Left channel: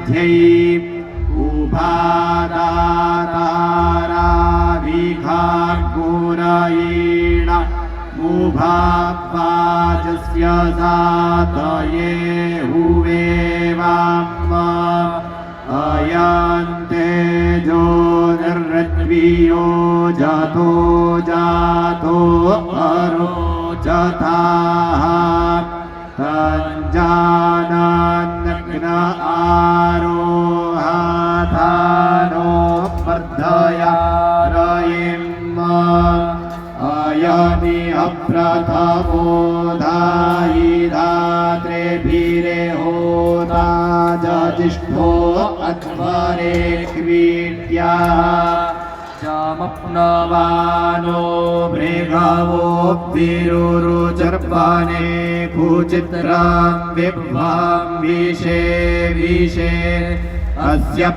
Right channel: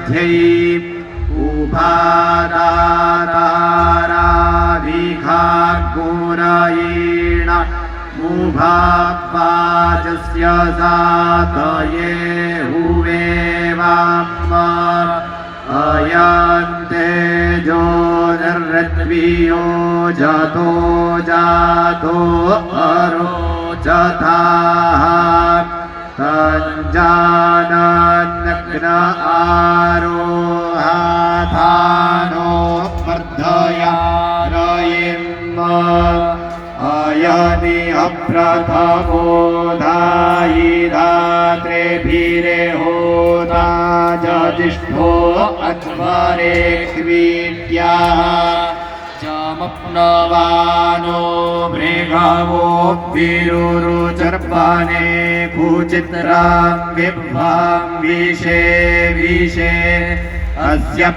मध्ये उपादाताराभिखार्गुरयेण मुभावाजस्य सातये हुवेवाम अयन्ते जो निर्रत्वियो जतो जातो अरोचथाः तञ्जानन्नग्न आरोहाथानो वर्धया रयिम् अयनि अप्रथमो धायि धात्रेभिरे होता जजिष्ठो अध्वरे क्रीड्याः जामप्नवानो मृगवो विरुरुचर्पणे कुचित्रां विभ्वां विषे विषे अस्य